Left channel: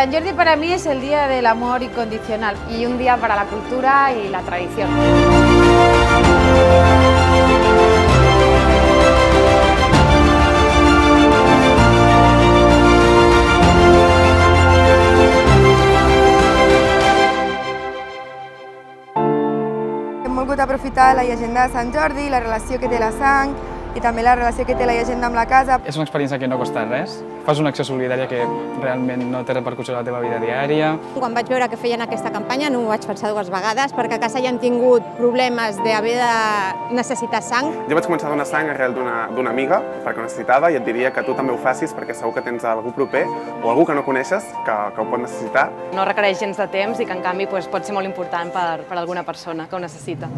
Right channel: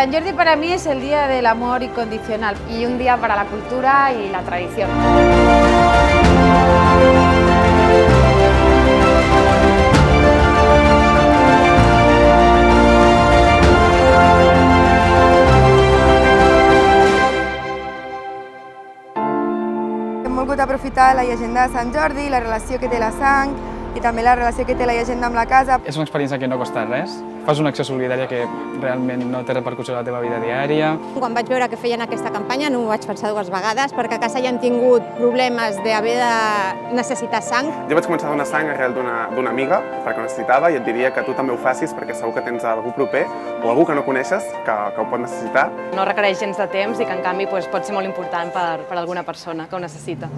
San Jordi para mí es el día del amor incondicional. Y un día para la cultura y la tradición. Hem volgut aprofitar la llegenda de Sant Jordi, la relació que té la sang i també la relació que té la llegenda amb la casa. És una experiència que no costa res. Fas una acció solidària que realment no té repercussió a la teva vida diària. Quan vaig veure que feien aquesta campanya no ho vaig pensar dues vegades, perquè a casa ja hem tingut problemes d'haver de necessitar sang. Jo vaig començar a donar sang arrel d'una amiga perquè ho necessitava i et diria que tu també ho facis perquè segur que tens algú proper o algú que no coneixes que ho pot necessitar. No requereix gens de temps i que en canvi pot ser molt important per alguna persona que ho necessita.